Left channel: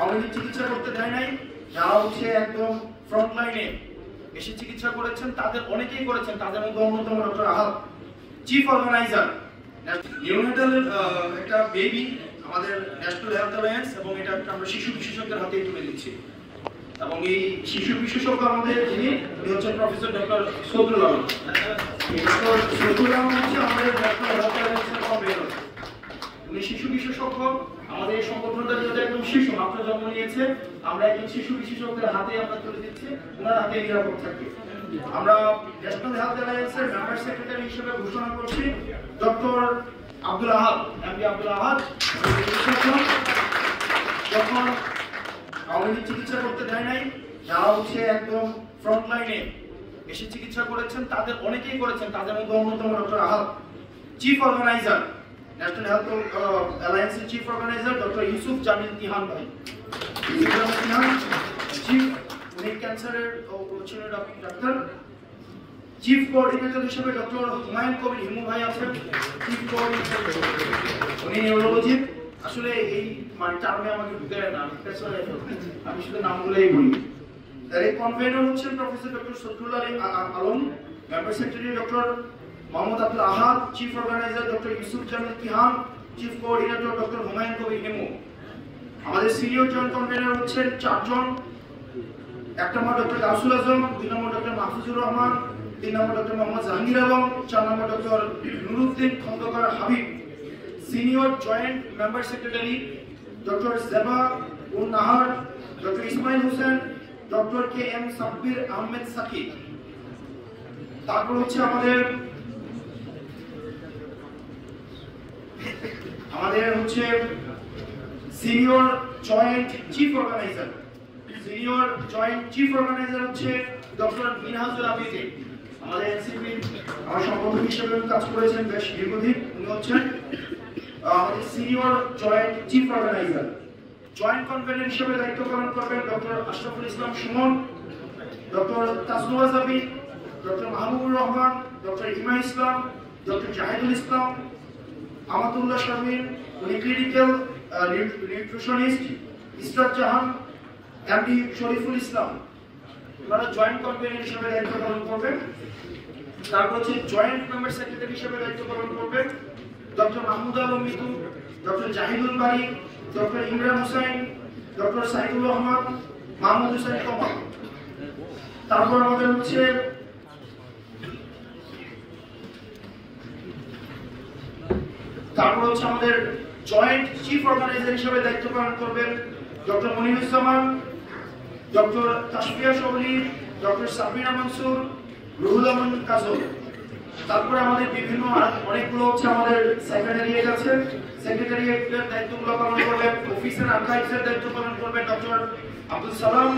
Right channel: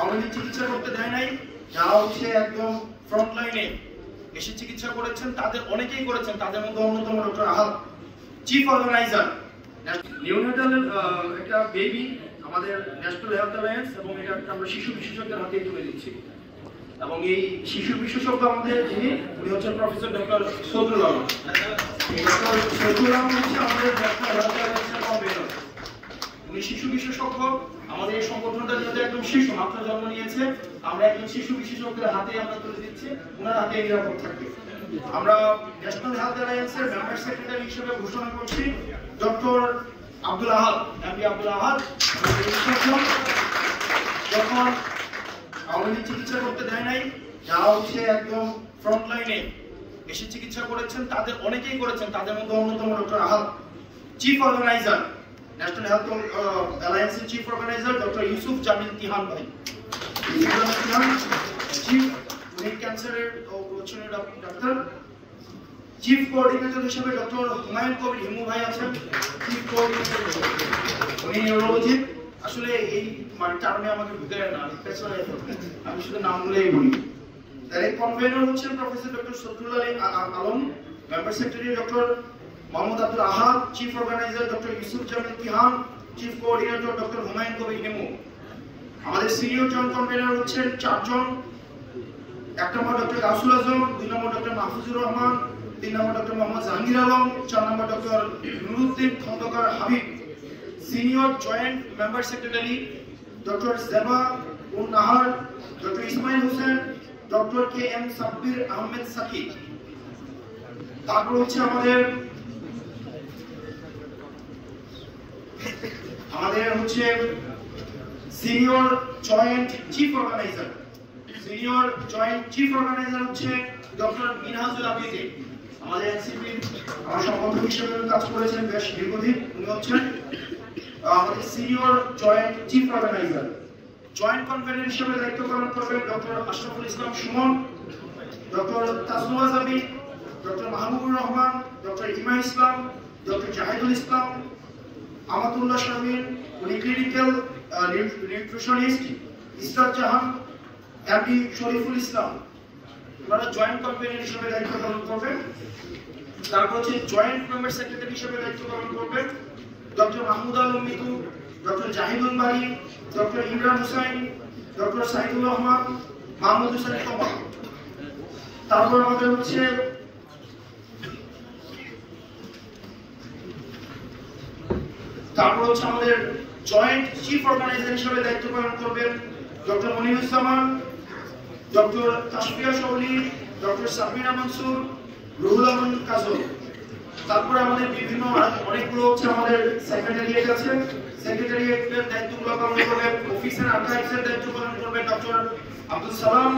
আওয়ামী লীগ চিকিৎসা করতে দেয় নাই, যারা হচ্ছে একদম ফ্রন্ট লাইনে এসে চিকিৎসা করেছেন তাদের অনেকেই করেছেন। তাদের মধ্যে অন্যতম doctor Ahad, chief organiser neonatal একটা বেবি আমাদের ন্যাশনাল হেলথ অ্যালায়েন্স, এবং এটা আমরা শিশু বিশেষজ্ঞের হাতে তুলে দিচ্ছি। এবং এই শিশু বিশেষজ্ঞ আমাদের উনি হচ্ছেন প্রফেসর ডক্টর সদরুল আলম। সদরুল আলম হচ্ছে আমাদের ন্যাশনাল হেলথ অ্যালায়েন্সের কনভেনর। উনি শিশু বিশেষজ্ঞ। আমাদের এই সংগঠনটা যেহেতু একদম শিশু মাত্র জন্ম নিয়েছে, আমরা একজন শিশু বিশেষজ্ঞের হাতে আমরা তুলে দিচ্ছি, ওনার হাতে নিরাপদ থাকবে। আমরা ন্যাশনাল হেলথ অ্যালায়েন্সের মেম্বার সেক্রেটারি হিসেবে ঘোষণা করছি ডক্টর আব্দুল আহাদ, এমডি আব্দুল আহাদ। যখন আওয়ামী লীগ চিকিৎসা করতে দেয় নাই, যারা হচ্ছে একদম ফ্রন্ট লাইনে এসে চিকিৎসা করেছেন তাদের অনেকেই করেছেন। তাদের মধ্যে অন্যতম doctor Ahad, chief organiser national health অ্যালায়েন্সের chief organiser doctor Yusuf Jamil Tihan ভাই, চিফ ক্যান্সারের ডাক্তার। চিফ কোঅর্ডিনেটর হিসেবে ডক্টর হুমায়ুন কবির হিমু ভাই আছেন, চিফ কোঅর্ডিনেটর, উনি নিউরোলজি। আসলে এই মানে টার্মে আমাকে ঢুকে না, আমি শুধু নামগুলোই বলি। তার এই কনভেনর হচ্ছেন professor doctor Sadrul Alam, member secretary doctor Mohammad Abdul Ahad, chief organiser doctor Yusuf Jamil Tihan, chief coordinator doctor Humayun Kabir Himu. আমাদের সিনিয়র জয়েন্ট কনভেনর হচ্ছেন 4 জন। 1 number doctor Gausul Azam, 2 number doctor Mahfuzur Rahman, 3 number doctor Mohammad Jahangir Alam, 4 number doctor Nuruddin Khandakar Habib. Senior joint member secretary doctor Zeba un Nahar, doctor Ismail Hossain, doctor K M Sabbir Ahmed Sakib. তারপর হচ্ছে আমাদের হচ্ছে senior joint chief organiser. Senior joint chief organiser হচ্ছে doctor Minhajul Abidin. আমাদের NCP আমার সংগঠন হিসেবে কাজ করেছেন বেশ দীর্ঘদিন। উনি হচ্ছেন আমাদের senior joint chief organiser. Joint convener হিসেবে দায়িত্ব পালন করবেন doctor Ashraful Islam Sumon, doctor Tajnuva Jabi, doctor Mahbubur Rahman, doctor Ima Islam, doctor Jahidul Islam, Amatullah Shamin, উনি clinical nutritionist, Israt Jahan, MD Shariful Islam. ওনারা জয়েন্ট কনভেনর হিসেবে দায়িত্ব পালন করবেন। তারপর হচ্ছে জয়েন্ট মেম্বার সেক্রেটারি হিসেবে দায়িত্ব পালন করবেন ডক্টর মাহমুদ আলম মিতু, ডক্টর জাহিদুল বারি, ডক্টর ইমরান হুসাইন, ডক্টর সাইদুর রহমান, মাহমুদ হোসেন কমল। তারপর আমাদের হচ্ছে আমাদের জয়েন্ট চিফ অর্গানাইজার হিসেবে দায়িত্ব পালন করবেন doctor Moniruzzaman, doctor Tasfia Shobli, doctor Sabina Mansur, Ruhul Aman Kajol. তারপরে আমাদের বিভিন্ন অনেকগুলো হচ্ছে আমাদের সেক্রেটারিয়েট আছে। সেক্রেটারিয়েটের দায়িত্বগুলো পালন করবেন, অফিসার আর্কাইভসের দায়িত্ব পালন করবেন ডক্টর আব্দুল সালাম,